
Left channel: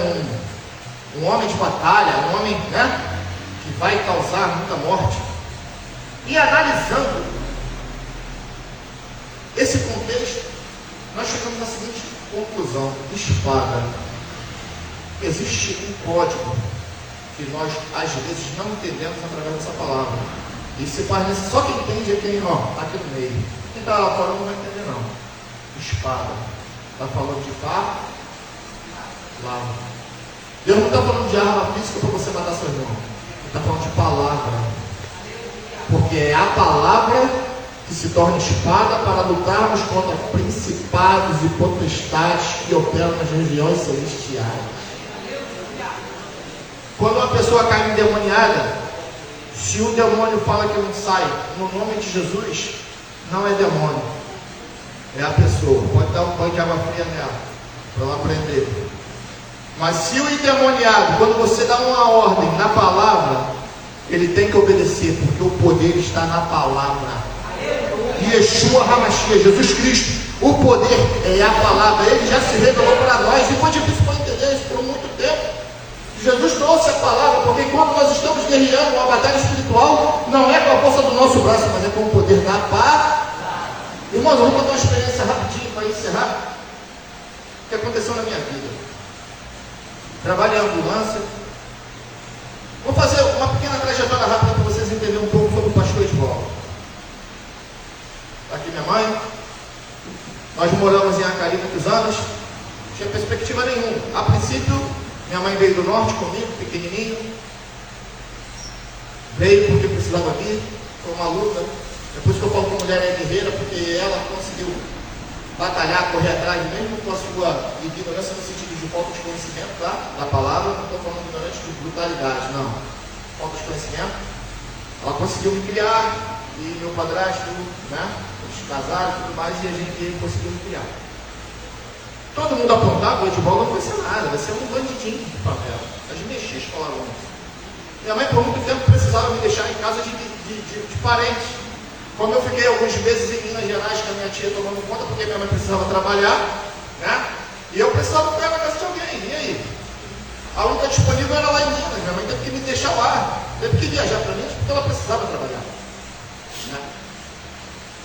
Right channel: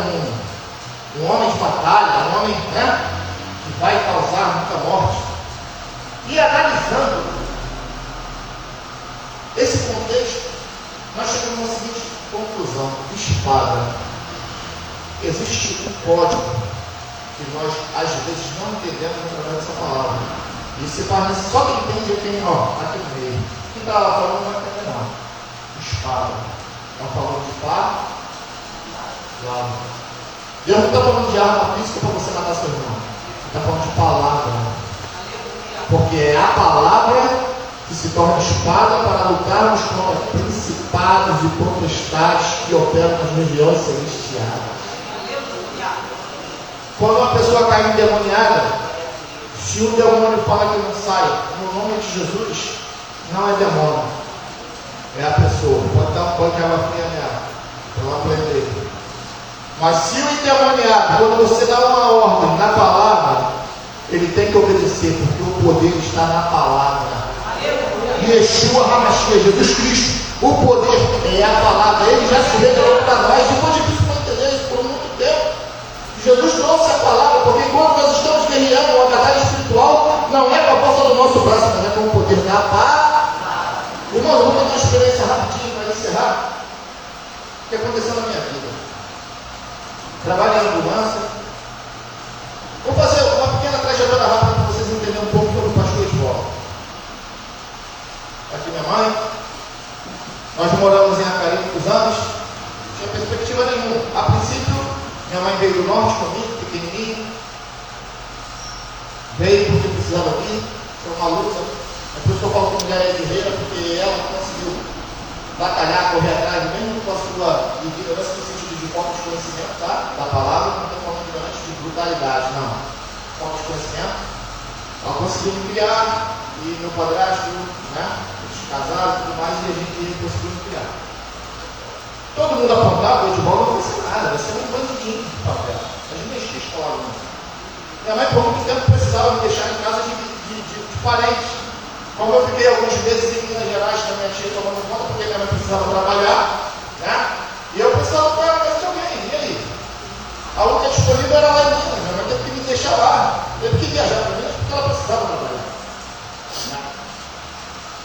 um homem de batalha, um homem, que vai causar muita morte. E analisando esse contexto, nós chegamos à seguinte conclusão: espada. Existe um código que nós às vezes não entendemos através dessa palavra. E se parece só quem entende é quem, aqui no meio. Quem está lá fora não vai entender não. Espada. Está falando de fato, lado. Deus não está falando de arma física para você matar seu irmão. Ele está falando de palavra. Porque é a palavra que se torna espada para lutarmos contra principados e potestades que operam nas regiões celestiais. Quando uma pessoa cai endemoniada, se o demônio fala que não sai, no nome de Jesus, não é demônio, é a pessoa. Pode dar um banho de água fria nela, para ela aprender. Mas se o endemoniado, quando você dá uma ordem na palavra, ele tem que obedecer, porque o poder está na palavra. Yeshua HaMashiach, Jesus Cristo, o poder é a palavra. Ele já se revelou para nós, e foi difícil para entender isso por muito aconteceu na minha vida. Trabalho em ambulância. Vou fazer uma pequena trajetória rápida para vocês entenderem um pouco sobre o pastor Edvaldo. Aqui minha mãe. Nós moramos em Acari muitos anos. Não tinha perspectiva nenhuma. A princípio, minha mãe veio do norte comigo, pequenininho. Veio porque precisava vir. Foi uma luta. É por isso que eu falo que mulher é guerreira, porque ela conseguiu batalhar, correr atrás, mesmo com a sua liderança no sentido de falta de conhecimento, tá? Da palavra. Não estou falando realmente de brutalidade, não. Falta de conhecimento. Ela conseguiu me criar, e meu padrasto, né? Eles casaram e tudo mais, e a gente conseguiu me criar. Todo mundo apontava, o Edvaldo não vai ser nada, vai ser um bandidinho de papel. A gente deixa a escola, né? Minha mãe, por muito tempo, precisava me deixar em casa de parentes. Como eu fiquei alguns meses em Minas Gerais com a minha tia tomando conta, porque minha mãe precisava trabalhar, né? E eu precisava ter a casa de alguém. E aí? A luta disponível era lá em Minas. Minha mãe teve que me deixar lá. Teve que viajar para Minas porque ela precisava trabalhar. Né?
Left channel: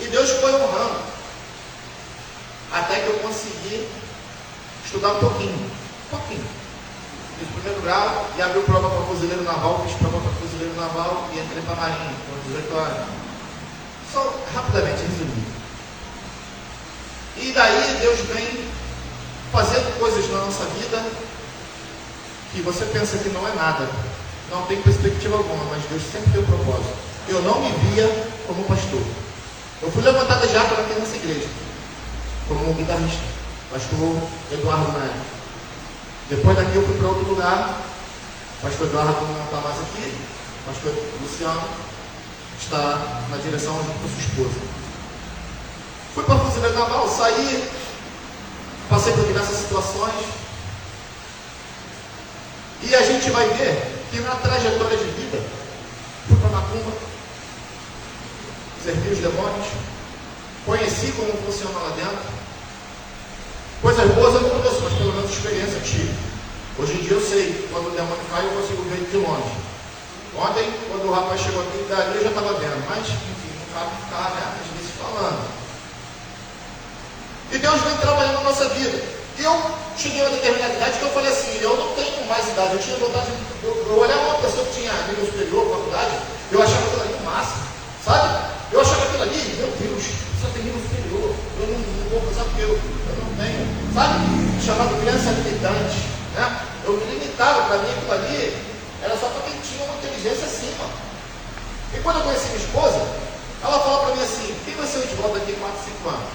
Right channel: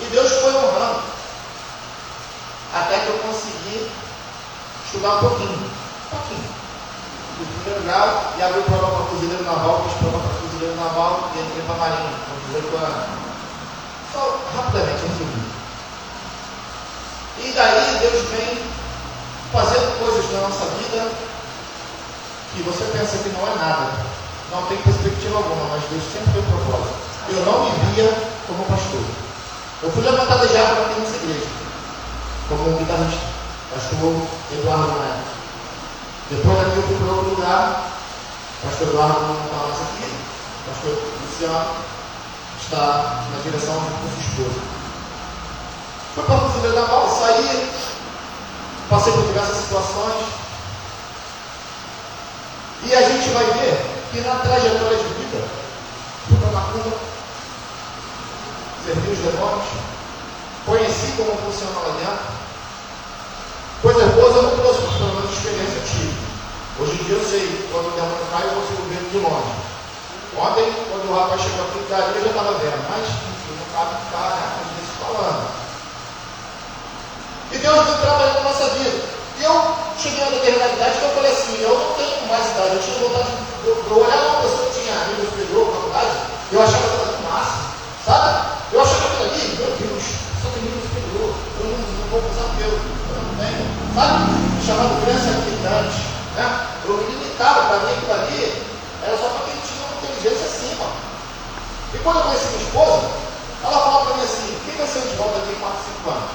E Deus foi honrando. Até que eu consegui estudar um pouquinho. Fiz primeiro grau e abri prova para fuzileiro naval, fiz prova para fuzileiro naval e entrei para a marinha, com 18 anos. Só rapidamente resumido. E daí Deus vem fazer coisas na nossa vida que você pensa que não é nada, não tem perspectiva alguma, mas Deus sempre tem um propósito. Eu não me via como pastor. Eu fui levantado já para aqui nessa igreja, como um guitarrista, pastor Eduardo Neto. Depois daqui eu fui para outro lugar, pastor Eduardo não está mais aqui, pastor Luciano está na direção da sua esposa. Fui para a fuzileiro naval, saí, passei por diversas situações, e a gente vai ver que na trajetória de vida, fui para uma curva, servi os demônios, conheci como funciona lá dentro. Coisas boas eu não trouxe, pelo menos experiência tive. Hoje em dia eu sei, quando o demônio cai, eu consigo ver de longe. Ontem, quando o rapaz chegou aqui, eu já estava vendo, mas, enfim, não cabe ficar, às vezes, falando. E Deus vem trabalhando na nossa vida. E eu cheguei a uma determinada idade que eu falei assim, eu não tenho mais idade, eu tinha vontade de olhar uma pessoa que tinha nível superior, faculdade, eu achava aquilo ali massa, sabe? Eu achava aquilo ali, meu Deus, só tem nível superior, eu não vou precisar do meu, eu não tenho, sabe? Chamando criança limitante, né? Eu me limitava, para mim aquilo ali era só para quem tinha uma inteligência acima. E quando eu conheci minha esposa, ela falou para mim assim, quem vai ser o Edvaldo daqui a 4, 5 anos?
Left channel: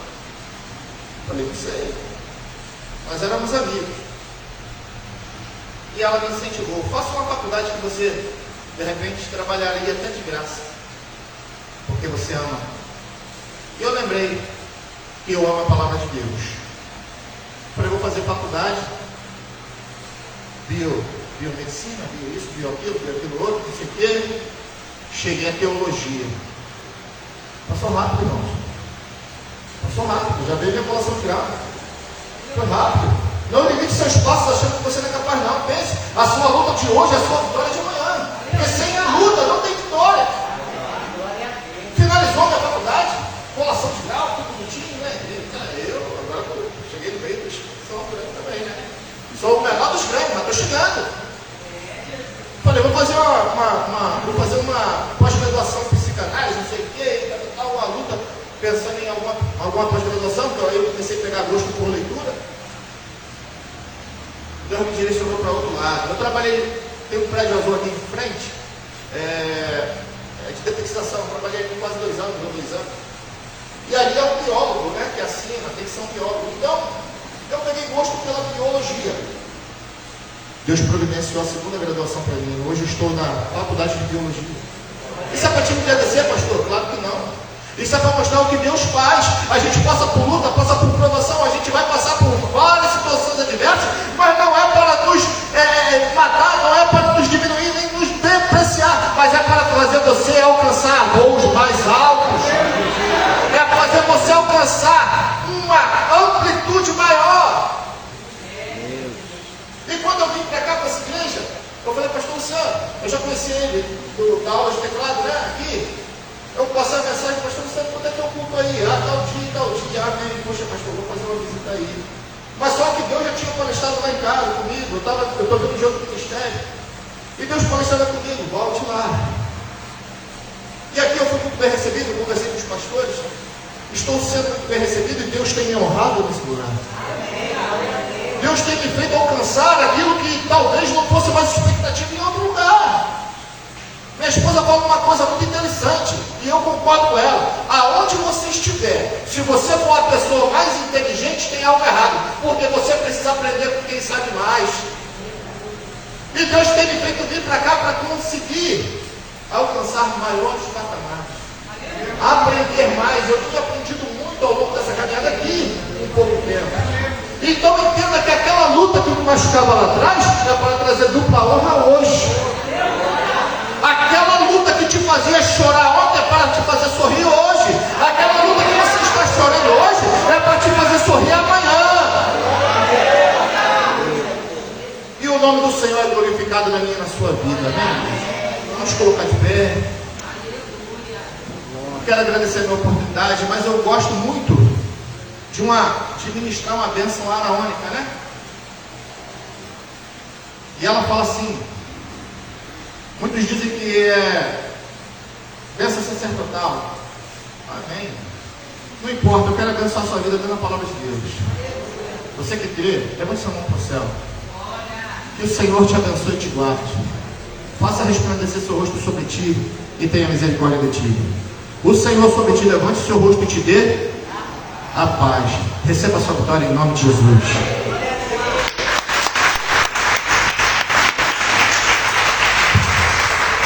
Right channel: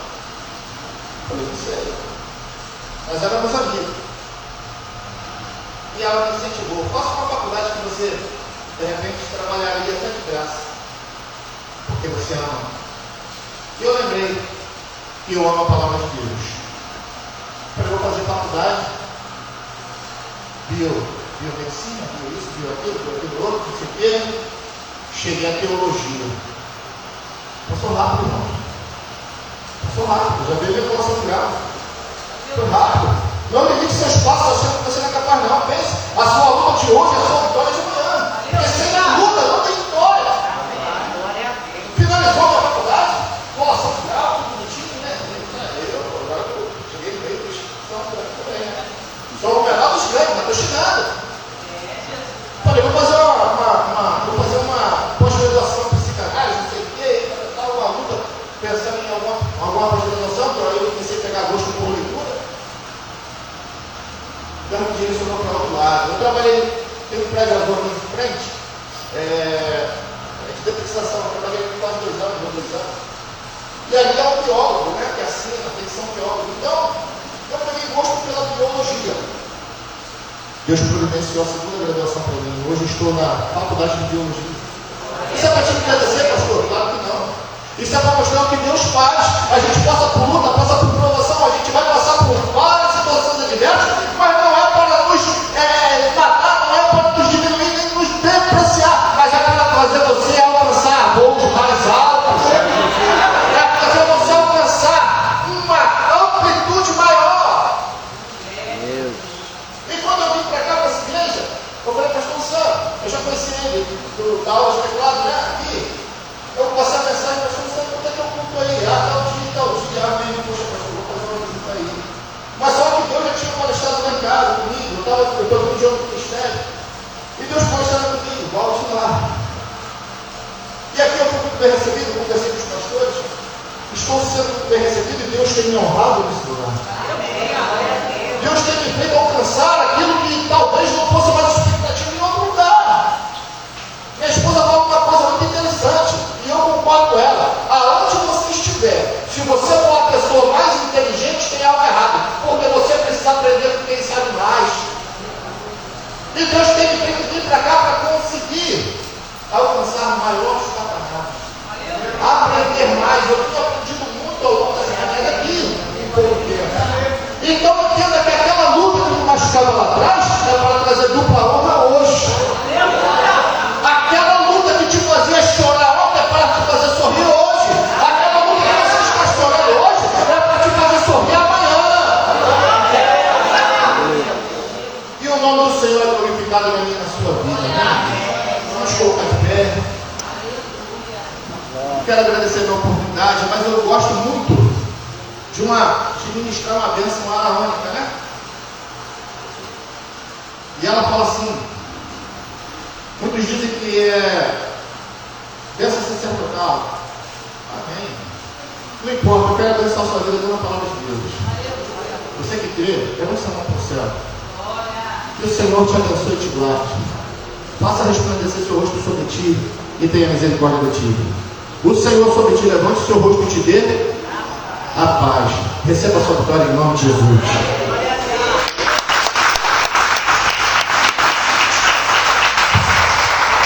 Eu falei, não sei. Nós éramos amigos. E ela me incentivou, faça uma faculdade que você, de repente, trabalharia até de graça. Porque você ama. E eu lembrei que eu amo a palavra de Deus. Eu falei, vou fazer faculdade, biomedicina, bio isso, bio aquilo outro, não sei o quê. Cheguei à teologia. Passou rápido, irmão. Passou rápido, já veio a revelação de graça. Foi rápido. Não limite seus passos achando que você não é capaz, não. Pense, a sua luta de hoje é a sua vitória de amanhã. Porque sem a luta não tem vitória. Finalizou minha faculdade, colação de grau, tudo bonitinho, né? Agora eu cheguei no meio dos também, né? Sou o menor dos grandes, mas estou chegando. Falei, vou fazer uma pós-graduação em psicanálise, não sei o quê, estava uma luta, pensando em alguma pós-graduação, então aí eu comecei a pegar gosto por leitura. Deus me direcionou para outro lado. Eu trabalhei, tem um prédio azul aqui em frente, de detectação, eu trabalhei por quase 2 anos, 2 anos. E ali é um biólogo, né, que assina, tem que ser um biólogo. Então, eu peguei gosto pela biologia. Deus providenciou a segunda graduação para mim. Hoje eu estou na faculdade de biologia. Isso é para te agradecer, pastor? Claro que não. Isso é para mostrar o que Deus faz. A gente passa por luta, passa por provação, a gente vai passar por várias situações adversas, mas não é para nos matar, não é para nos diminuir, nem nos depreciar, mas é para fazer você alcançar voos mais altos. É fazer você alcançar uma amplitude maior. E quando eu vim para cá, para essa igreja, eu falei, pastor Sam, eu já conheci ele, da aula de teclado, né, aqui. Eu vou passar a mensagem, pastor Sam, quando é que eu culto aí? Tal dia, amém, poxa, pastor, vou fazer uma visita aí. conhecendo comigo, volte lá. E aqui eu fui muito bem recebido, conversei com os pastores. Estou sendo muito bem recebido e Deus tem me honrado nesse lugar. Deus tem me feito alcançar aquilo que talvez não fosse mais expectativa em outro lugar. Minha esposa fala uma coisa muito interessante, e eu concordo com ela. Aonde você estiver, se você for a pessoa mais inteligente, tem algo errado, porque você precisa aprender com quem sabe mais. E Deus tem me feito vir para cá para conseguir alcançar maiores patamares, aprender mais. Eu tenho aprendido muito ao longo dessa caminhada aqui, em pouco tempo. Então entenda que aquela luta que me machucava lá atrás é para trazer dupla honra hoje. Aquela luta que te fazia chorar ontem é para te fazer sorrir hoje. Aquela luta que você está chorando hoje é para te fazer sorrir amanhã. E o nome do Senhor é glorificado na minha e na sua vida, né? Vamos colocar de pé. Quero agradecer a minha oportunidade, mas eu gosto muito de ministrar uma bênção araônica, né? E ela fala assim: muitos dizem que é bênção sacerdotal. Amém. Não importa, eu quero abençoar a sua vida dando a palavra de Deus. Você que crê, levante sua mão para o céu. Que o Senhor te abençoe e te guarde. Faça resplandecer seu rosto sobre ti e tenha misericórdia de ti. O Senhor sobre ti levante o seu rosto e te dê a paz. Receba a sua vitória em nome de Jesus.